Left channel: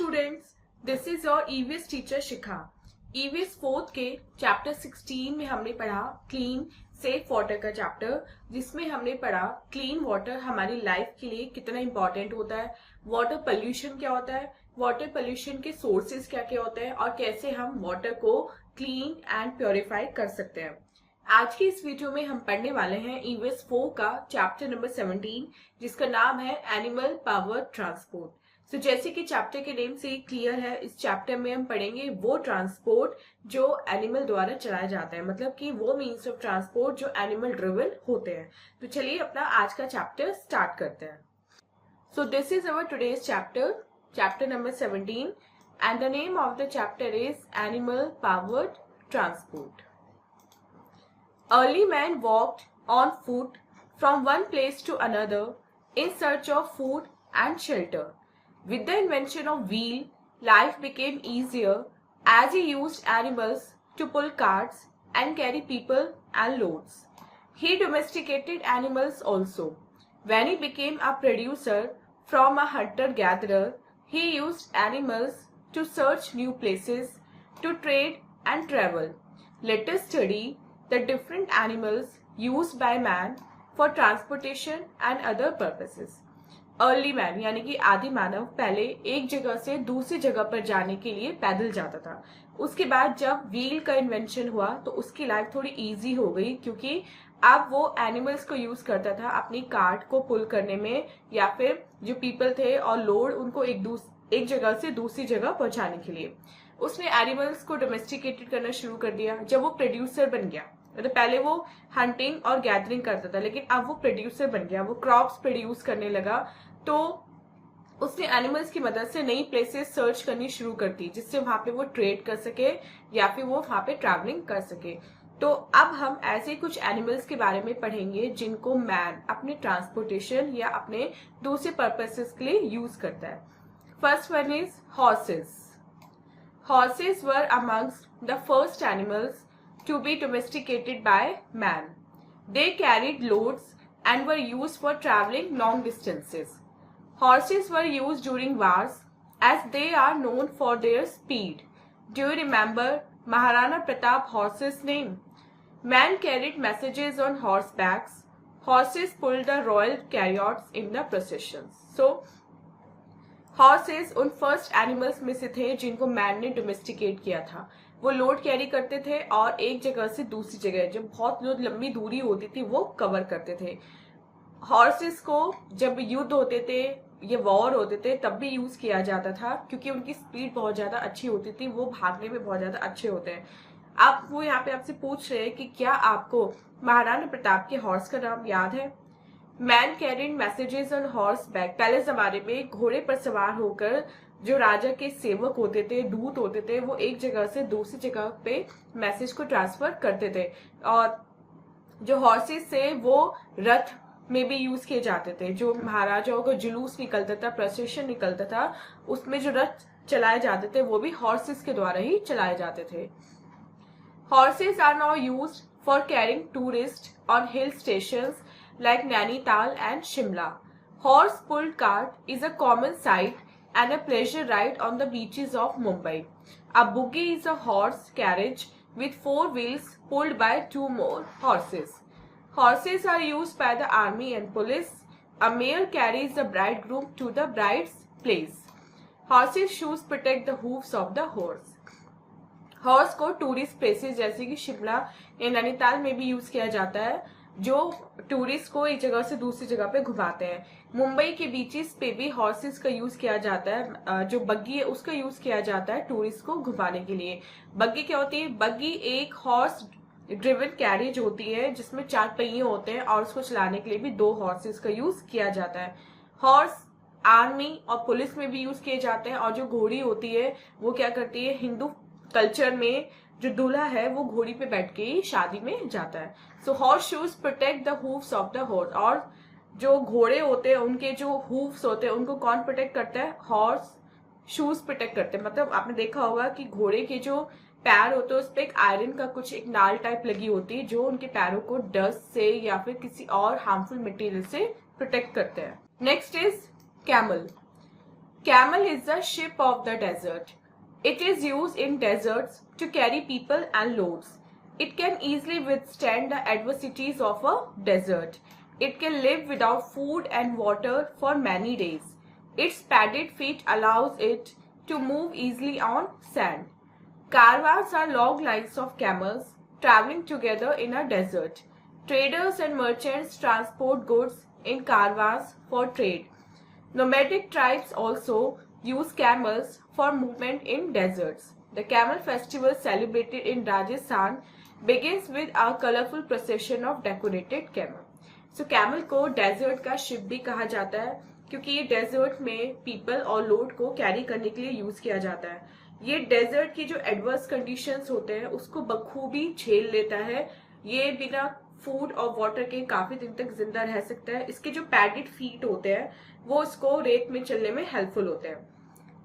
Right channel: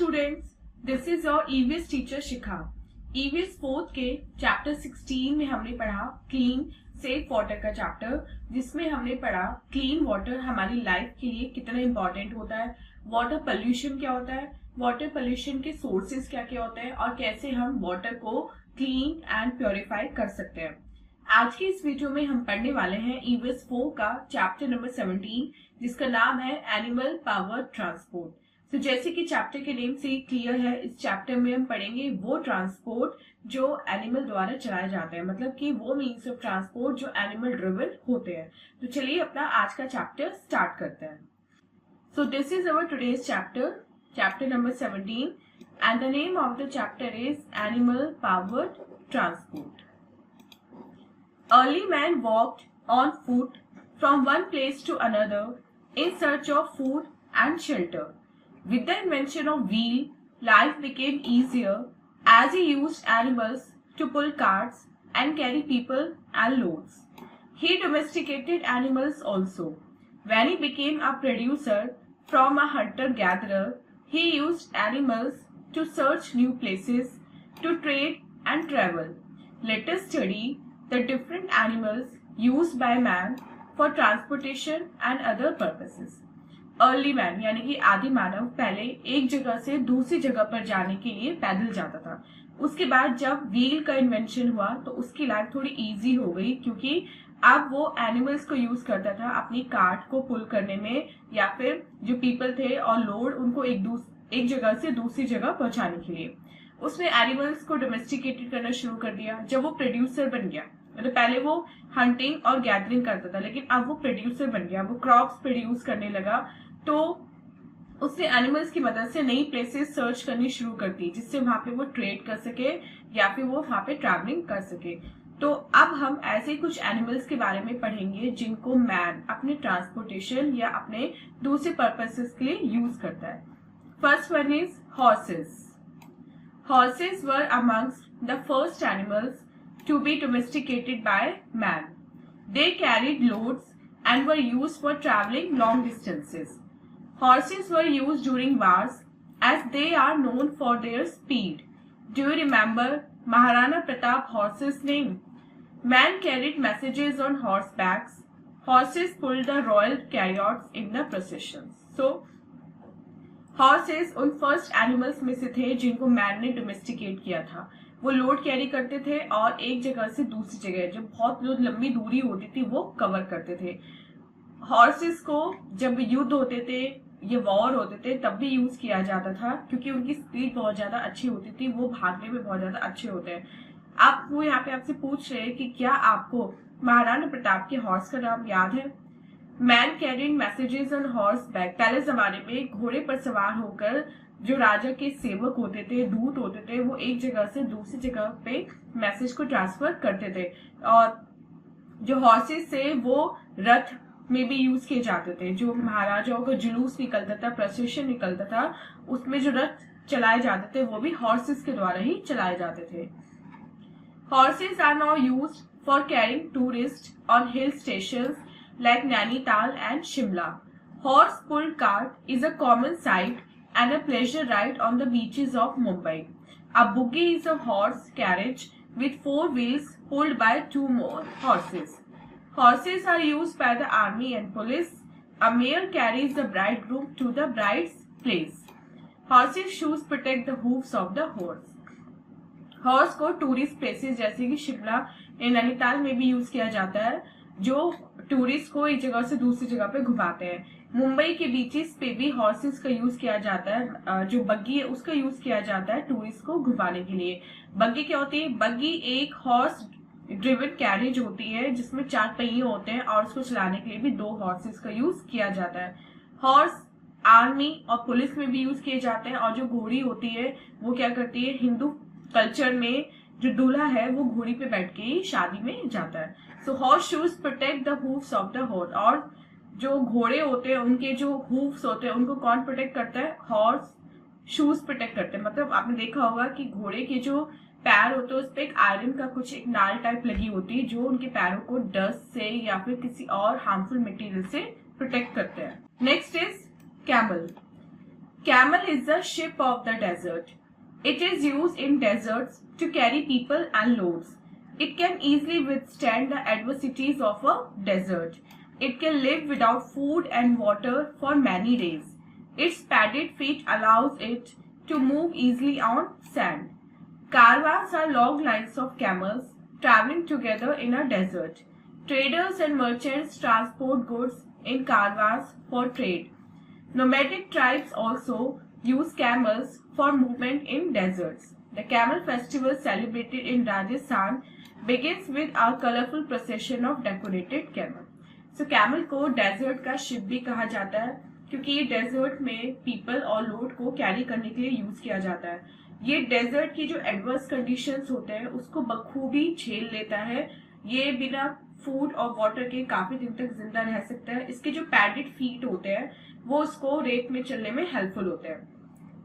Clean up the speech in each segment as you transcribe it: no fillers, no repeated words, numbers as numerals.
Students, this is your EVS teacher Shikha. EVS fourth के chapter 16 में हमने पढ़ा क्लीन सेफ वाटर का चैप्टर, जिसमें हमने पढ़ा क्लीन वाटर हमारी लाइफ के लिए कितना इंपॉर्टेंट होता है, वाटर पोल्यूशन क्या होता है, वाटर पोल्यूशन के सोर्सेज क्या क्या होते हैं और कैसे हम वाटर को क्लीन एंड प्योरीफाई कर सकते हैं। आज की इस वीडियो में हम पढ़ने वाले हैं ईवीएस 4 का चैप्टर नंबर 17, जिसका नाम है एनिमल पावर ट्रांसपोर्ट। तो जैसे कि चैप्टर के नेम से ही क्लियर है, इस चैप्टर में हम पढ़ेंगे वो ट्रांसपोर्ट जो एनिमल द्वारा चलाया जाता है, मतलब कि वो मीन्स ऑफ ट्रांसपोर्ट जो एनिमल ड्रिवन होते हैं। तो चलिए अपना आज का चैप्टर स्टार्ट करते हैं। So this is our today's chapter, chapter number 17, and the name of the chapter is animal powered transport. Early man walked on foot from one place to another in search of food and shelter. With the invention of wheel, life became easier as he used animals to pull carts and carry people and loads. He domesticated animals also. When he became a producer from a hunter-gatherer, he used animals to search new places, to trade and travel. Let us study the different animals used by man for transportation and other purposes. Early man यानी कि आदि मानव पहले एक जगह से दूसरी जगह पर जाने के लिए पैदल जाता था। उसके बाद जब व्हील का इन्वेंशन हुआ तो उसकी लाइफ थोड़ी इजी हो गई, क्योंकि अब वो एनिमल्स को यूज करता था अपनी कार्ट को पुल करने में, या फिर जो पीपल थे और लोड उनको एक जगह से दूसरी जगह पहुंचाने के लिए। उसने एनिमल्स को डोमेस्टिकेटेड करना शुरू कर दिया जब वो प्रोड्यूसर बन गया। तो पहले वो हंटिंग और गैदरिंग करता था, लेकिन अब वो प्रोड्यूसर बन गया, वो क्रॉप्स प्रोड्यूस करने लगा। तो उसने एनिमल्स की मदद से नई प्लेसेस सर्च करनी शुरू कर दी, जिससे वहां पे वो ट्रेड कर सके या फिर वो वहां पे ट्रैवलिंग कर सके। तो अब हम ऐसे कुछ एनिमल्स के बारे में पढ़ेंगे जिनको मैन अपने ट्रांसपोर्टेशन या अपने दूसरे पर्पसेस के लिए यूज करता है। First one is horses. Horses were amongst the first animals to be domesticated by man. They carried loads and were used for traveling long distances. Horses were used during wars as they are known for their speed. Do you remember Maharana Pratap horse's name? Man carried messages on horsebacks. Horses pulled the royal chariots in the processions. So, horses उन first animals में से थे जिनको man ने domesticate किया था। वो load carry करते थे और एक जगह से दूसरी जगह जब बहुत लंबी दूरी होती थी वो कवर करते थे। हॉर्सेस को जब युद्ध होते थे ये वॉर होते थे तब भी यूज किया जाता था, क्योंकि उनकी स्पीड बहुत ज्यादा अच्छी होती थी, वो भागने में बहुत ज्यादा अच्छे होते हैं। आप वो यहाँ पे आपसे पूछ रहे हैं कि क्या आपको महाराणा प्रताप के हॉर्स का नाम याद है? Man carrying messages on horse back. पहले जमाने में घोड़े पर सवार होकर जो राजा के सेवक होते थे, दूत होते थे, वो एक जगह से दूसरी जगह पे मैसेज को ट्रांसफर करते थे। और जो हॉर्सेस थे वो रथ में भी यूज किए जाते थे। जो महाराजाओं का जुलूस निकलता था, प्रोसेशन निकलता था, उसमें जो रथ चलाए जाते थे वो भी हॉर्सेस के द्वारा ही चलाए जाते थे। Horses are now used for carrying tourist on hill stations like Nainital and Shimla. Horse-pulled cart is a common sight and a pleasure ride on the beaches of Mumbai. A buggy is a horse carriage with 4 wheels pulled by 2 more horses. Horses are used by the army and police. A mare carries the bridegroom to the bride's place. Horses' shoes protect the hoofs of the horse. Horse को tourist places जैसे कि शिमला या नैनीताल में भी use किया जाता है, जो टूरिस्ट को एक जगह से दूसरी जगह पे घुमाते हैं। मुंबई के बीचेस पे भी हॉर्सेस का यूज किया जाता है। जो बग्गी है उसका यूज किया जाता है टूरिस्ट को घुमाने के लिए। बग्गी क्या होती है? बग्गी एक हॉर्स ड्रिवन कैरेज होती है जिसमें 4 पहिए होते हैं और उसको चलाने के लिए भी 2 हॉर्सेस का यूज किया जाता है। हॉर्स आर्मी और पुलिस में भी यूज किए जाते हैं। और जो घोड़ी होती है वो क्या करती है? हिंदू कल्चर में जो दूल्हा है वो घोड़ी पे बैठ के ही शादी में जाता है। So horse shoes protect the hoofs of the horse. और जो घोड़े होते हैं उनके जो हूफ्स होते हैं उनको कौन प्रोटेक्ट करता है? हॉर्स शूज प्रोटेक्ट करते हैं। मतलब आपने देखा होगा कि घोड़े के जो पैर होते हैं उस पर एक आयरन का कुछ एक नाल टाइप लगी होती है जो उनके पैरों को डस्ट से या फिर किसी और हार्मफुल मटेरियल से प्रोटेक्ट करते हैं। Next is camel. Camel is the ship of the desert. It is used in deserts to carry people and loads. It can easily withstand the adversities of a desert. It can live without food and water for many days. Its padded feet allows it to move easily on sand. Caravans are long lines of camels traveling together in a desert. Traders and merchants transport goods in caravans for trade. Nomadic tribes also use camels for movement in deserts. The camel festival celebrated in Rajasthan begins with a colorful procession of decorated camel. So camel को desert का ship भी कहा जाता है क्योंकि ये desert में people और लोड को कैरी करने के लिए यूज किया जाता है. ये डेजर्ट की जो एडवर्स कंडीशंस होते हैं उसको बखूबी झेल लेता है. ये बिना फूड और वाटर के काफी दिन तक जिंदा रह सकता है. इसके जो पैडेड फीट होते हैं वो उसको रेत में चलने में हेल्पफुल होते हैं.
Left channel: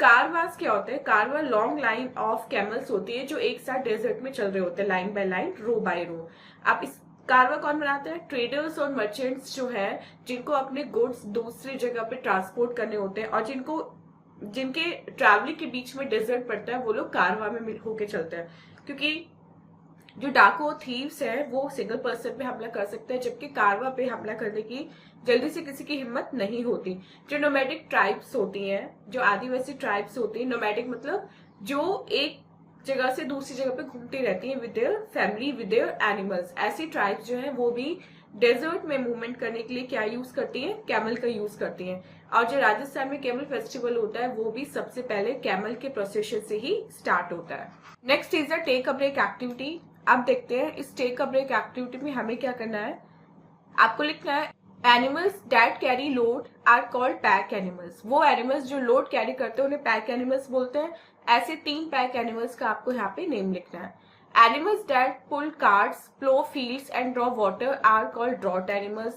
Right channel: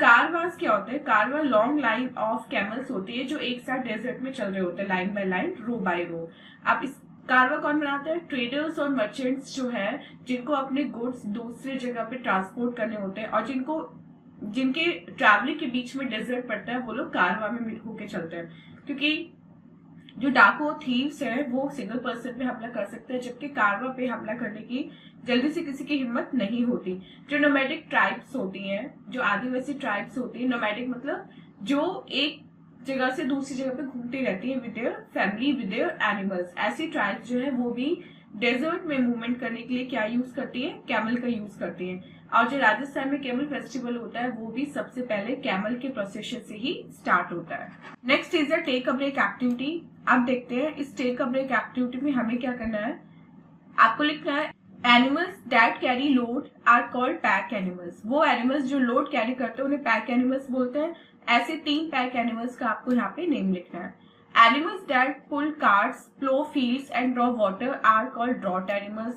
कारवांस क्या होते हैं? कारवां लॉन्ग लाइन ऑफ कैमल्स होती है जो एक साथ डेजर्ट में चल रहे होते हैं, line by line, row by row. आप इस कारवा कौन बनाते हैं? ट्रेडर्स और मर्चेंट्स जो है, जिनको अपने गुड्स दूसरी जगह पे ट्रांसपोर्ट करने होते हैं और जिनके ट्रैवलिंग के बीच में डेजर्ट पड़ता है, वो लोग कारवा में मिल होके चलते हैं. क्योंकि जो डाकू थीव्स हैं वो सिंगल पर्सन पे हमला कर सकते हैं, जबकि कारवा पे हमला करने की जल्दी से किसी की हिम्मत नहीं होती. जो नोमैडिक ट्राइब्स होती हैं, जो आदिवासी ट्राइब्स होती हैं, नोमैडिक मतलब जो एक जगह से दूसरी जगह पे घूमती रहती है with their family, with their animals. ऐसी ट्राइब्स जो है वो भी डेजर्ट में मूवमेंट करने के लिए क्या यूज करती है? कैमल का यूज करती है. और जो राजस्थान में कैमल फेस्टिवल होता है वो भी सबसे पहले कैमल के प्रोसेशन से ही स्टार्ट होता है. Next is a take a break activity. अब देखते हैं इस टेक अ ब्रेक एक्टिविटी में हमें क्या करना है. आपको लिखना है animals that carry load are called pack animals. वो एनिमल्स जो लोड कैरी करते हैं उन्हें पैक एनिमल्स बोलते हैं. ऐसे 3 पैक एनिमल्स का आपको यहाँ पे नेम लिखना है. Animals that pull carts, plough fields and draw water are called draught animals.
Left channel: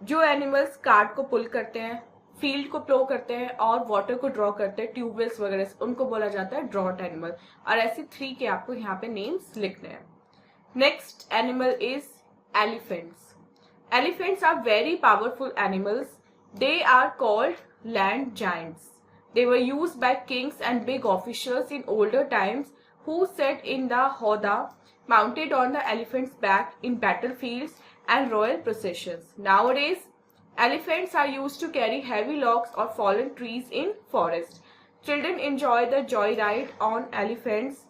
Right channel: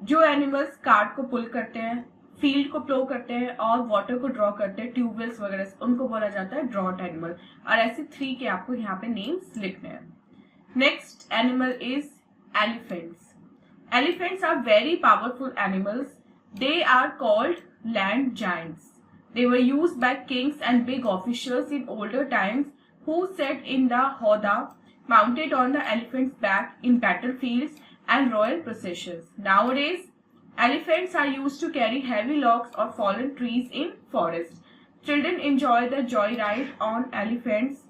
जो एनिमल्स कार्ट को पुल करते हैं, फील्ड को प्लो करते हैं और वाटर को ड्रॉ करते हैं, ट्यूबवेल्स वगैरह, उनको बोला जाता है ड्रॉट एनिमल. और ऐसे 3 के आपको यहाँ पे नेम्स लिखने हैं. Next animal is elephants. Elephants are very powerful animals. They are called land giants. They were used by kings and big officials in older times who sat in the howdah mounted on the elephant's back in battlefields and royal processions. Nowadays, elephants are used to carry heavy logs or fallen trees in forests. Children enjoy the joyride on elephants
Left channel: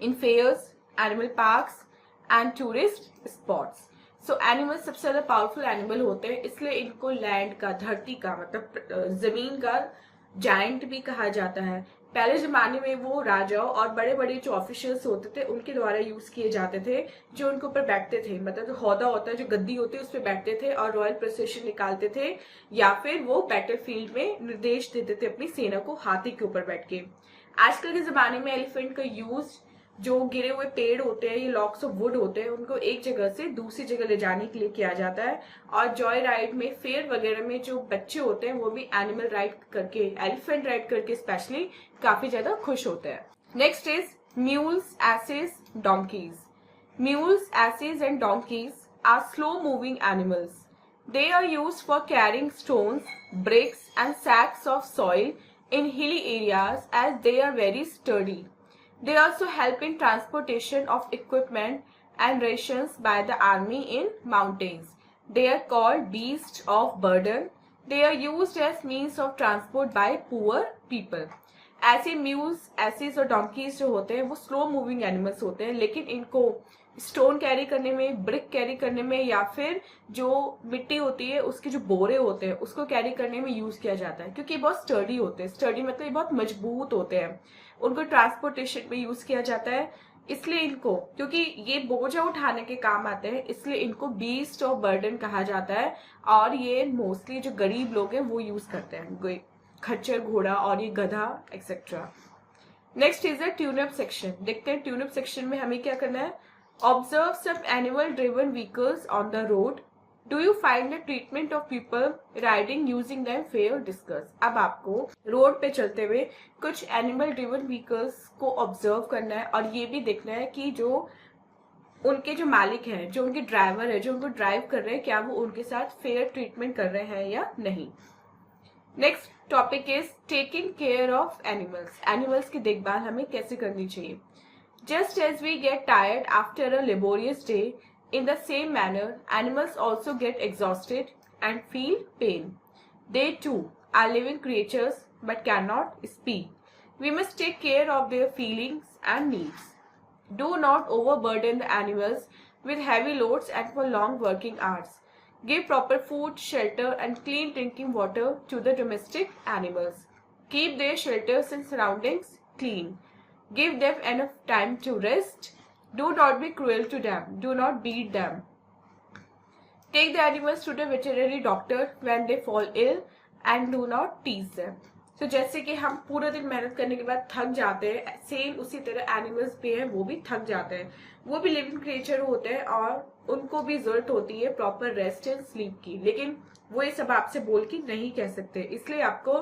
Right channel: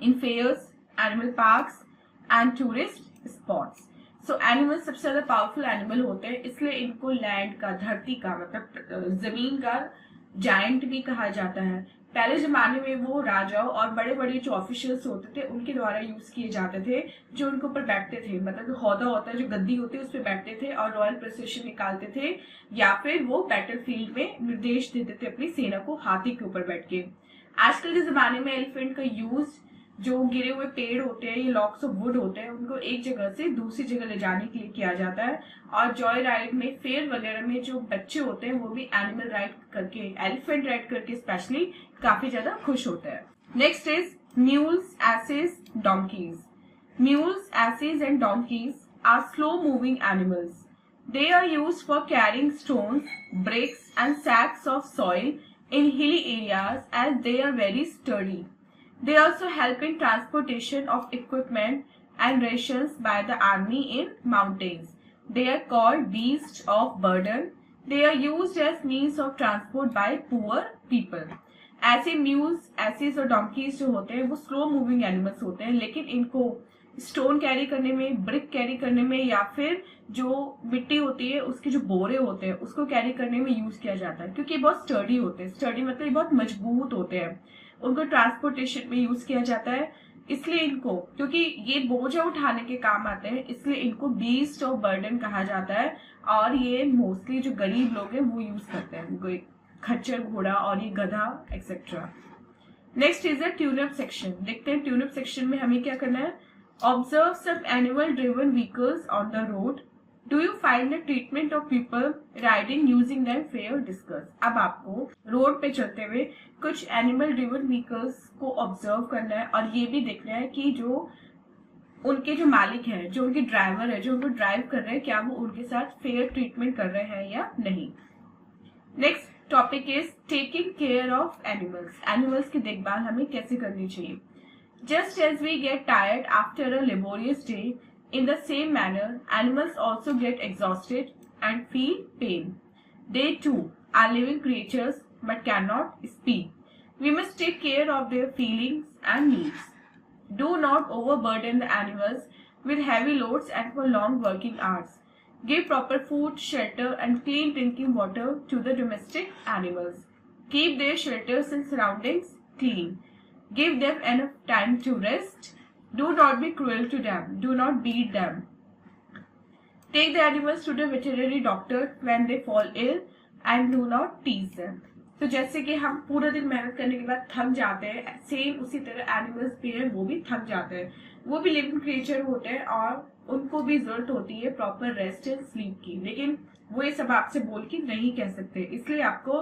in fairs, animal parks and tourist spots. So animal सबसे ज्यादा powerful animal होते हैं, इसलिए इनको land का, धरती का मतलब जमीन का जायंट भी कहा जाता है. पहले जमाने में वो राजाओं और बड़े बड़े जो ऑफिशियल्स होते थे उनके द्वारा यूज किए जाते थे, जो उनके ऊपर बैठते थे. मतलब जो हौदा होता है, जो गद्दी होती है, उस पर बैठते थे और रॉयल प्रोसेशन निकालते थे, या फिर वो बैटल फील्ड में निर्देश देते थे अपनी सेना को हाथी के ऊपर बैठ के. आजकल के जमाने में एलिफेंट का यूज जो गिरे हुए पेड़ होते हैं, ये लॉक्स ऑफ वुड होते हैं, उनको एक जगह से दूसरी जगह ले जाने के लिए किया जाता है. और जॉय राइड में, फेयर वगैरह में जो बच्चे होते हैं वो भी एनिमल राइड करके, एलिफेंट राइड करके स्पेशली काफी ज्यादा खुश होते हैं. Next is mules, asses, donkeys. Mules, asses and donkeys are slow moving animals. They are used for carrying stones, bricks and sacks of soil in hilly areas as they are very sturdy. They also help in transportation of equipment and rations by the army in mountains. They are called beasts of burden. They are used as means of transport by poor people. ऐसे mules, assess और donkey's जो होते हैं वो slow moving animals होते हैं, लेकिन इनको स्टोन कैरी करने में, ब्रिक कैरी करने में, या फिर जो मिट्टी होती है उसके जो बोरे होते हैं उसको कैरी करने में यूज किया जाता है, क्योंकि ये बहुत स्टर्डी होते हैं. स्टर्डी मतलब ये बहुत मजबूत होते हैं, उनको ट्रांसपोर्टेशन में यूज किया जाता है. इसलिए इनको, क्योंकि ये बोझा उठाने के काम आते हैं, इसलिए इनको बीस्ट ऑफ बर्डन कहा जाता है. और ये मोस्टली जो गरीब लोग हैं वो यूज करते हैं, खच्चर, घोड़ा और ये गधा एक्सेट्रा. Next is a tune up section. देखते हैं ट्यूनअप सेक्शन में हमें क्या करना है. Observe some animal driven vehicles on the road. Do you find the treatment of people riding using them fair discuss. अब आपको रोड पे चलते हुए कुछ एनिमल ड्रिवन व्हीकल्स को ऑब्जर्व करना है और ये भी देखना है कि जो उनके जो मालिक हैं, जो उनके ड्राइवर है, जो उनको ड्राइव कर रहे हैं, क्या वो उनके साथ फेयर ट्रीटमेंट कर रहे हैं या नहीं. Next topic is taking care of animals. Animals की देखभाल हमें कैसे करनी चाहिए। Just as we get tired after a laborious day, in the same manner, animals also get exhausted and feel pain. They too are living creatures but cannot speak. We must take care of their feelings and needs. Do not overburden the animals with heavy loads and for long working hours. Give proper food, shelter, and clean drinking water to the domestic animals. Keep their shelters and surroundings clean. Give them enough time to rest. Do not be cruel to them. Do not beat them. Take the animals to the veterinary doctor when they fall ill and do not tease them. तो जैसे कि हम पूरा दिन मेहनत करने के बाद थक जाते हैं, सेम उसी तरह एनिमल्स भी हैं, वो भी थक जाते हैं। वो भी लिविंग क्रिएचर होते हैं और उनको भी जरूरत होती है प्रॉपर रेस्ट एंड स्लीप की, लेकिन वो ये सब आपसे बोल के नहीं कह सकते। इसलिए आपको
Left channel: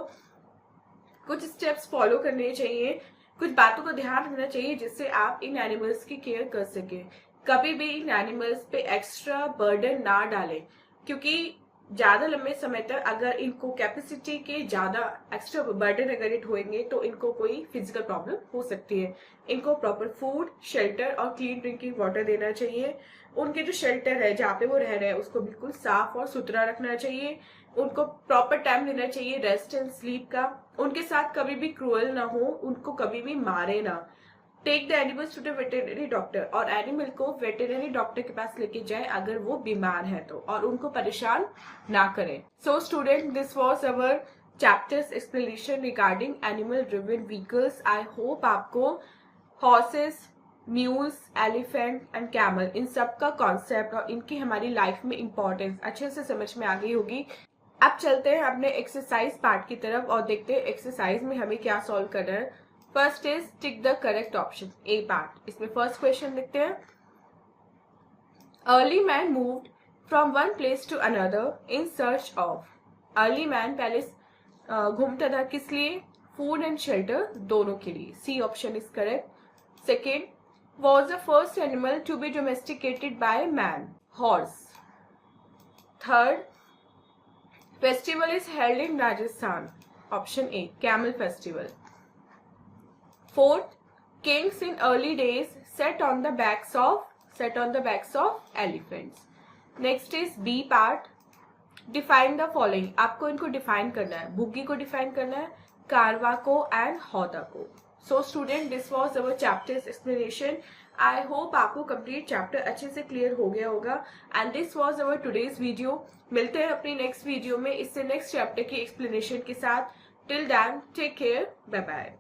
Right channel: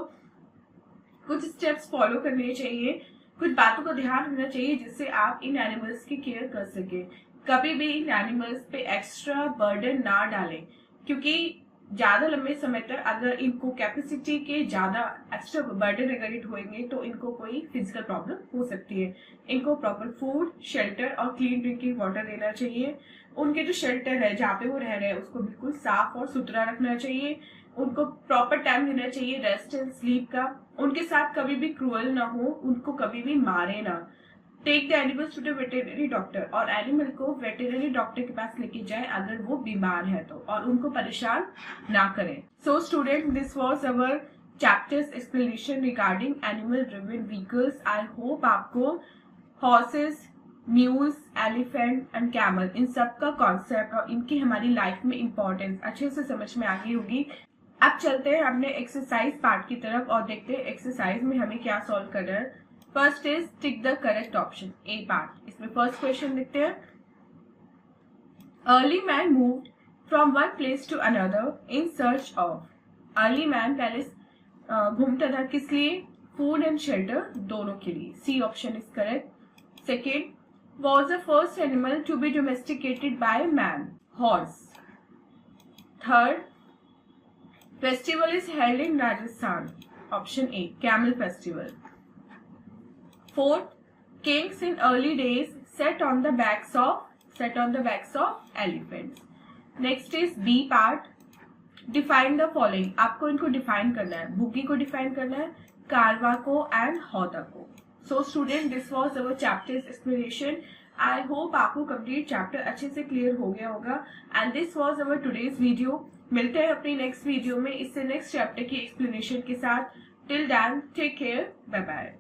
कुछ स्टेप्स फॉलो करने चाहिए, कुछ बातों का ध्यान रखना चाहिए जिससे आप इन एनिमल्स की केयर कर सके। कभी भी इन एनिमल्स पे एक्स्ट्रा बर्डन ना डालें, क्योंकि ज्यादा लंबे समय तक अगर इनको कैपेसिटी के ज्यादा एक्स्ट्रा बर्डन अगर इट होंगे तो इनको कोई फिजिकल प्रॉब्लम हो सकती है। इनको प्रॉपर फूड, शेल्टर और क्लीन ड्रिंकिंग वाटर देना चाहिए। उनके जो शेल्टर है जहाँ पे वो रह रहे हैं उसको बिल्कुल साफ और सुथरा रखना चाहिए। उनको प्रॉपर टाइम देना चाहिए रेस्ट एंड स्लीप का। उनके साथ कभी भी क्रूअल ना हो, उनको कभी भी मारे ना। Take the animals to the veterinary doctor, और एनिमल को वेटरनरी डॉक्टर के पास लेके जाए अगर वो बीमार है तो, और उनको परेशान ना करें। So student, this was our chapters explanation regarding animal driven vehicles. I hope आपको horses, mules, elephant and camel, इन सब का कॉन्सेप्ट और इनकी हमारी लाइफ में इंपॉर्टेंस अच्छे से समझ में आ गई होगी। अब चलते हैं अपने एक्सरसाइज पार्ट की तरफ और देखते हैं एक्सरसाइज में हमें क्या सॉल्व करना है। First is tick the correct option, a part. इसमें फर्स्ट क्वेश्चन देखते हैं। Early man moved from one place to another in search of. Early man पहले घूमता था किस लिए? फूड एंड शेल्टर दोनों के लिए। C option is correct. Second, was the first animal to be domesticated by man? Horse. Third, festival is held in Rajasthan. Option A, Camel Festival. Fourth, kings in early days sat on the backs of elephants. Next is B part. Define the following. आपको इनको define करना है। बुग्गी को define करना है, कारवा को and हौदा को। सो student, this was our chapters explanation. I hope आपको कंप्लीट चैप्टर अच्छे से क्लियर हो गया होगा and this was our today's video. मिलते हैं अपनी नेक्स्ट वीडियो में इससे नेक्स्ट चैप्टर की एक्सप्लेनेशन के साथ। Till then, take care, bye bye.